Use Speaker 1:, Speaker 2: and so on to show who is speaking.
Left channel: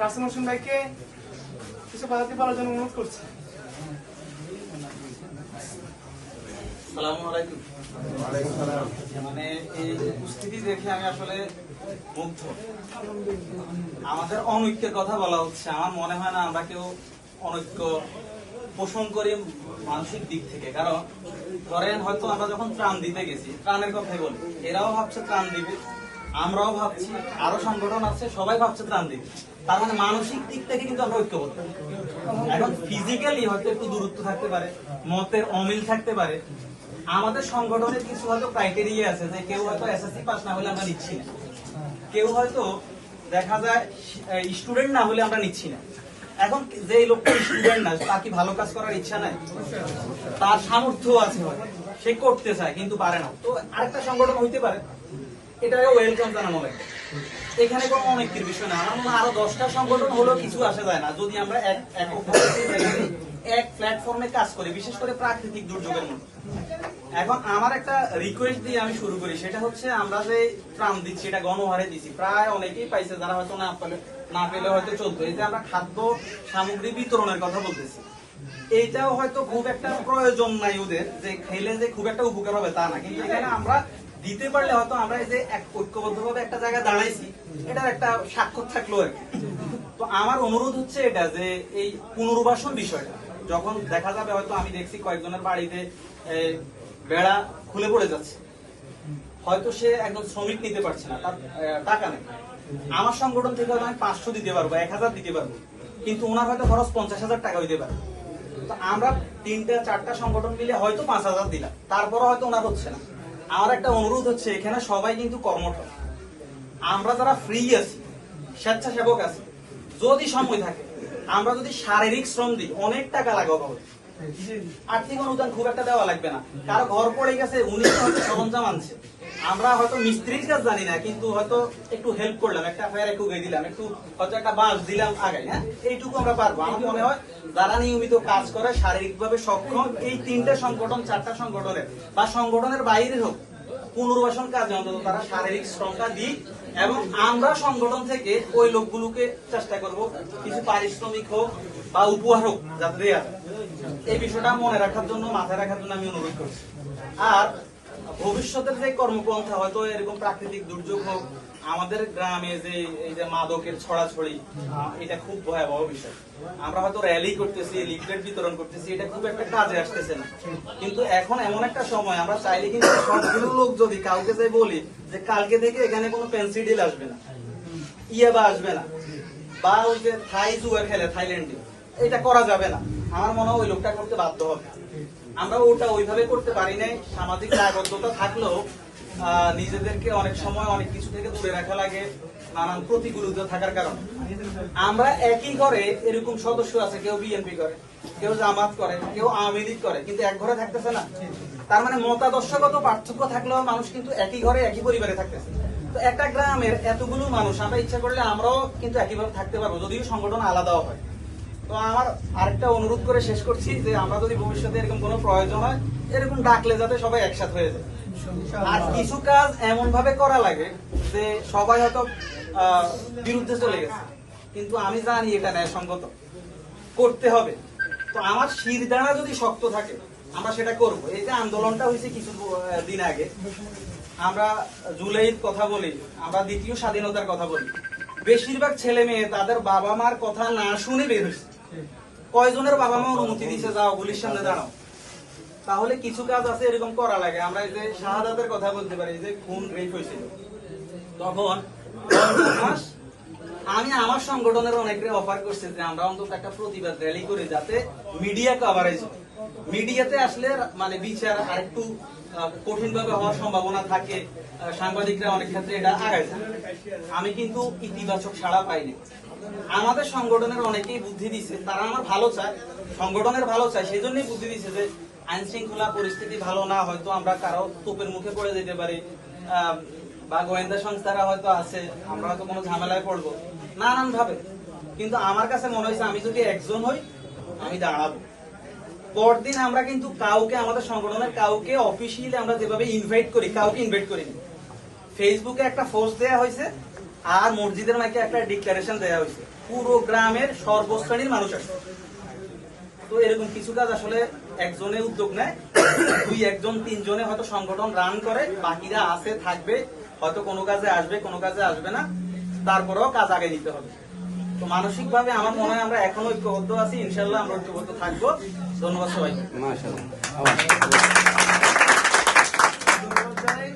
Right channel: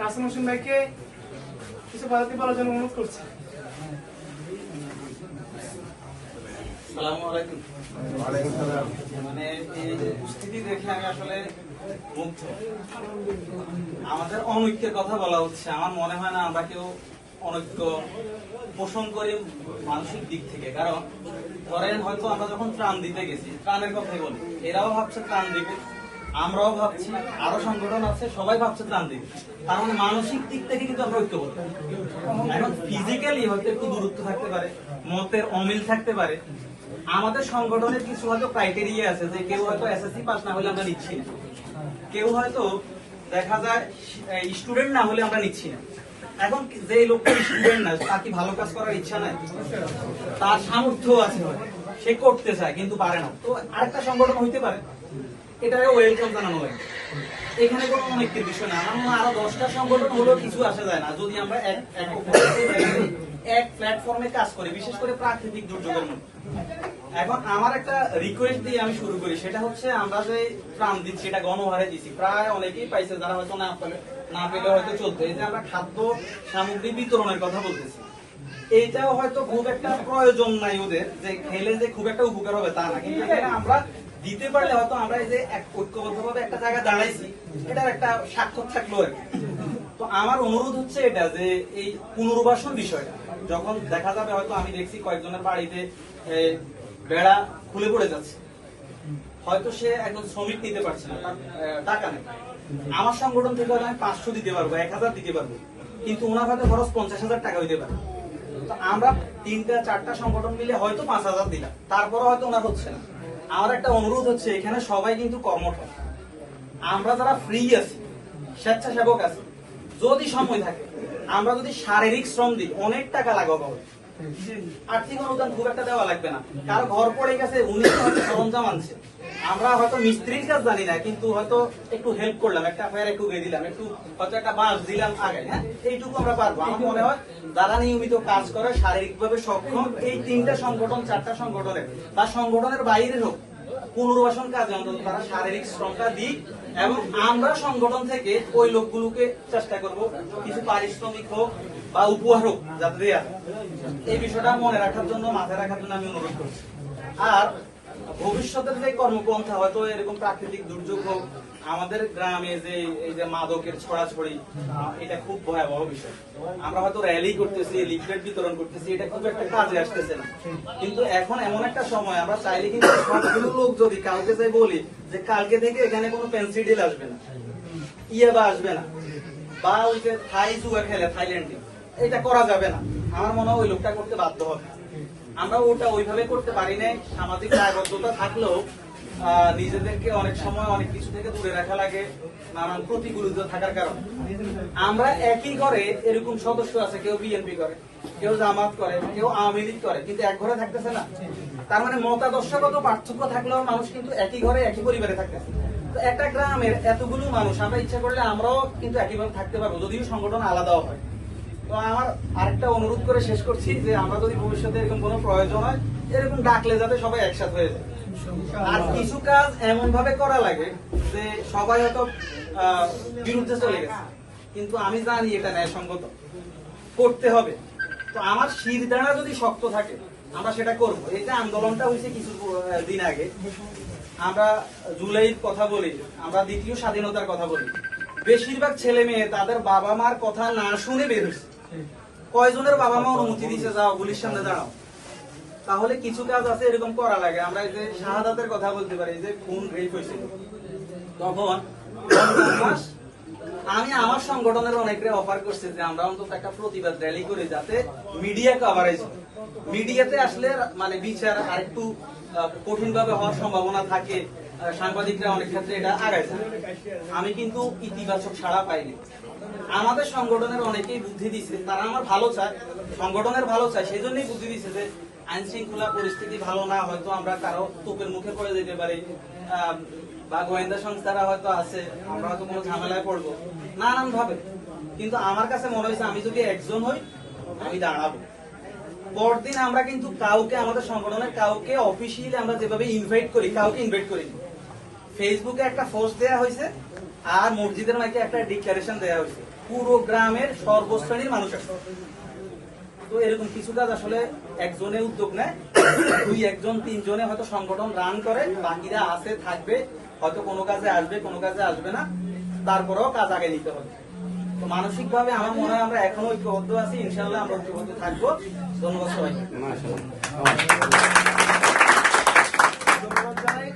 Speaker 1: রাসেল হোসেন ভাইকে কিছু পদার্থ বলার জন্য অনুরোধ করছি।
Speaker 2: মানে এই উপস্থিতি দেখে আমি আসলে আমাদের অনৈক্যের কথা বলা হচ্ছে। আমার মনে হয় না আমরা কেউ অনৈক্য পোষণ করি মানসিক দিক থেকে। কারণ ধরেন হয়তো আমরা যখন ত্রাণ দিতে গেছি, ত্রাণের কথাই বলি। এরাও ভাবছে ত্রাণ দিবে। আমরাও ভাবছি, আরও সংগঠন আছে, সবাই ভাবছে ত্রাণ দিবে। তার মানে মানসিক দিক থেকে কিন্তু আমরা ঐক্যবদ্ধ। এখন ফিজিক্যালি হয়তো একটু দূরত্ব থাকতে পারে, মতের অমিল থাকতে পারে। আমাদের সংগঠনের কিছু হয়তো ক্রাইটেরিয়া আছে যে কেউ হয়তো এসএসসি পাস না হলে আমরা নিচ্ছি না। কেউ হয়তো দেখা যায় স্টুডেন্ট না হলে আমরা নিচ্ছি না। এখন যে লোকটা স্টুডেন্ট না, তার কি ভালো কাজ করার ইচ্ছা নাই? তার সামর্থ্য আছে সে করতে চায়, কিন্তু পারে না। তো আরেকটা সংগঠন হইতে পারে। এটা ওয়েলকাম জানানো লাগে। এখানে কোনো বিষয় না। আমার আরও দশটা সংগঠন হলেও কিছু আসা যায় না। যদি আমরা এক এক প্ল্যাটফর্মে কাজ করি, বিশেষ করে প্রাকৃতিক দুর্যোগের মধ্যে। এখন আমার একটা রিকোয়েস্ট দিয়ে আমি শুরু করি। সেটা হচ্ছে আমরা যে দিচ্ছি এটা গণহারে প্রায় অনেকেই পাইছে, যারা হয়তো না পেলে না পেলে হয়তো চোদ্দ এই যে আমরা খাদ্য সামগ্রী বিতরণের কথা বলতেছি। এইটাও হয়তো খুব একটা প্রয়োজন নাই ওদের। যে খেলে যে খুব একটা উপকার হবে তা না। কিন্তু এখানে আমরা দিতে পারলে হয়তো আমরা এই যে এক ঐক্যবদ্ধভাবে একটা জায়গায় দাঁড়াইছি, এটার একটা স্বাক্ষর থাকল আর। তো আমার অনুরোধ হচ্ছে এটা যে এই পুনর্বাসন বিষয়টা, যখন দেখা যাবে হয়তো আমি দেখছি কয়েকজনের বাড়িতে বেড়া খুলে পড়ে যাচ্ছে, হয়তো সে একজন শ্রমিক নিতে পারছে না, তার টাকা নেই। আমার সংগঠন থেকে হয়তো আমি পাঁচশো দিতে পারব, এক হাজার দিতে পারব, কিন্তু ওনার হয়তো খরচ পঞ্চাশ হাজার টাকা হইতে পারে। তো আমরা তিনটা, চারটা সংগঠন মিলে হয়তো পাঁচ হাজার দিলাম তারপরে হয়তো ওনার হচ্ছে না। আমার একটা অনুরোধ হচ্ছে, এখানে সবাই কিন্তু কর্মঠ আমরা যারা ফ্রি আছি, স্বেচ্ছাসেবক আছি, যদি সময় থাকে, আমরা যদি শারীরিক শ্রম দিই, অনেক টাকা লাগাবো আর্থিক অনুদান খুব একটা দেওয়া লাগবে না। তার ঘর পড়ে গেছে উনি সরঞ্জাম আনছে। আমরা হয়তো মিস্ত্রির কাজ জানি না, কিন্তু হয়তো একটু হেল্প করলাম, একটা ফায়ার একটু গিয়ে দিলাম, একটু হয়তো একটা বাস দিলাম আগে হ্যাঁ? এইটুকু আমরা পারব। আমার মনে হয় যারা নিয়মিত কাজ করে, শারীরিকভাবে সক্ষম, এই তিনটা সংগঠন, চারটা সংগঠনের, বা সংগঠনের বাইরে হোক পুনর্বাসন কাজে অন্তত তারা শারীরিক শ্রমটা দিক এবং আমরা সংগঠন থেকে ওই লোকগুলোকে চেষ্টা করব কিছু পারিশ্রমিক হোক বা উপহার হোক, যাতে দেয়া এই বিষয়টা মনে রাখার জন্য, মাথায় রাখার জন্য আমি অনুরোধ করছি। আর ভবিষ্যতের যে কর্মপন্থা, হয়তো এরকম প্রাকৃতিক দুর্যোগ হোক আমাদের গ্রামে যে, এই যে মাদকের ছড়াছড়ি এটা খুব ভয়াবহ বিষয়। আমরা হয়তো র্যালি করতেছি লিফলেট বিতরণ করতেছি, এটা খুব একটা কাজে আসতেছে না। কিন্তু এখন এমন একটা সময়, আমরা চাইলে কিন্তু সবগুলো লোক যদি কাউকে যাই বলি, যে কালকে থেকে এখানে কোনো পেন্সিডিল আসবে না। ইয়ে বা আসবে না। বা ওই যে থাই জুয়া খেলে, থাইল্যান্ডে। এটা করা যাবে না। আমার মনে হয় ওই লোকটা করতে বাধ্য হবে। আমরা ওটা ওইভাবে করতে পারি নাই। সামাজিক দায়বদ্ধতা থাকলেও নিজেদেরকে অনেক সময় অনেক কিছু থেকে দূরে রাখা লাগে, নানান প্রতিকূলতা থাকার কারণে। আমরা একই ঘরে এরকম সদস্য আছে, কেউ বিএনপি করে, কেউ জামাত করে, কেউ আওয়ামী লীগ করে, কিন্তু এক ঘরে থাকতেছে না। তার মানে মতাদর্শগত পার্থক্য থাকলেও মানুষ কিন্তু একই ঘরে, একই পরিবারে থাকতেছে। তো একটা গ্রামের এতগুলো মানুষ, আমরা ইচ্ছা করলে আমরাও কিন্তু একইভাবে থাকতে পারব, যদিও সংগঠন আলাদাও হয়। তো আমার আরেকটা অনুরোধ করে শেষ করছি যে আমরা যদি ভবিষ্যতে এরকম কোনো প্রয়োজন হয়, এরকম ডাকলে যাতে সবাই একসাথে হয়ে যায়। আর কিছু কাজ এমন ভাবে করা লাগে যে সবাই হয়তো বিরুদ্ধে চলে গেছে কিন্তু আমি জানি এটা ন্যায়সঙ্গত। করতে হবে। তো আমার শিরদাঁড়া যদি শক্ত থাকে, আমরা সেটা করব। এই যে আন্দোলনটা হয়েছে কিছু দিন আগে, আমরা জুলাইয়ের কথা বলি, আমরা দ্বিতীয় স্বাধীনতার কথা বলি। বেশিরভাগ ছেলে মেয়ে তাদের বাবা মার কথা না শুনে বের হয়েছে। কয়জনের বাবা মা অনুমতি দিছে, যাও গুলির সামনে দাঁড়াও। তাহলে কিছু কাজ আছে, এরকম করা লাগে। আমরা এই যে শাহাদাতের কথা বলতে পারি যে খুন রেপ হয়েছিল। তখন আমি আমার সংগঠনের অনেকরে অফার করছি যে আমরা অন্তত একটা প্রতিবাদ র্যালি করি যাতে মিডিয়া কভারেজ হয়। মিডিয়াতে আসলে মানে বিচার আরেকটু কঠিন ভাবে হওয়ার সম্ভাবনা থাকে। সাংবাদিকরা অনেক ক্ষেত্রে এটা যায়। আমি কিন্তু ইতিবাচক সাড়া পাইনি। আমাদের সংগঠনের অনেকেই বুদ্ধি দিছে তারা আমার ভালো চায়, সংগঠনের ভালো চায় সেই জন্যই বুদ্ধি দিছে যে আইন শৃঙ্খলা পরিস্থিতি ভালো না, হয়তো আমরা কারও তোপের মুখে পড়ে যেতে পারি বা গোয়েন্দা সংস্থারা হয়তো আছে, আমরা হয়তো কোনো ঝামেলায় পড়ব নানান ভাবে কিন্তু আমার কাছে মনে হয়েছে, আমি যদি একজন হই, আমি দাঁড়াবো। পরদিন আমরা কিন্তু কাউকে, আমাদের সংগঠনের কাউকে অফিসিয়ালি আমরা যেভাবে ইনভাইট করি, কাউকে ইনভাইট করিনি। ফেসবুকে একটা পোস্ট দেওয়া হয়েছে আর মসজিদের নাকি একটা ডিক্লারেশন দেওয়া হয়েছে। পুরো গ্রামের সর্বশ্রেণীর মানুষ আসবে তো এরকম কিছু কাজ আসলে একজনে উদ্যোগ নেয় দুই একজন তিনজনে হয়তো সংগঠন রান করে বাকিরা আছে থাকবে হয়তো কোনো কাজে আসবে কোনো কাজে আসবে না তারপরেও কাজ আগে নিতে হবে। তো মানসিক ভাবে আমার মনে হয় আমরা এখনও ঐক্যবদ্ধ আছি ইনশাল্লাহ আমরা ঐক্যবদ্ধ থাকব।
Speaker 1: ধন্যবাদ জানাই।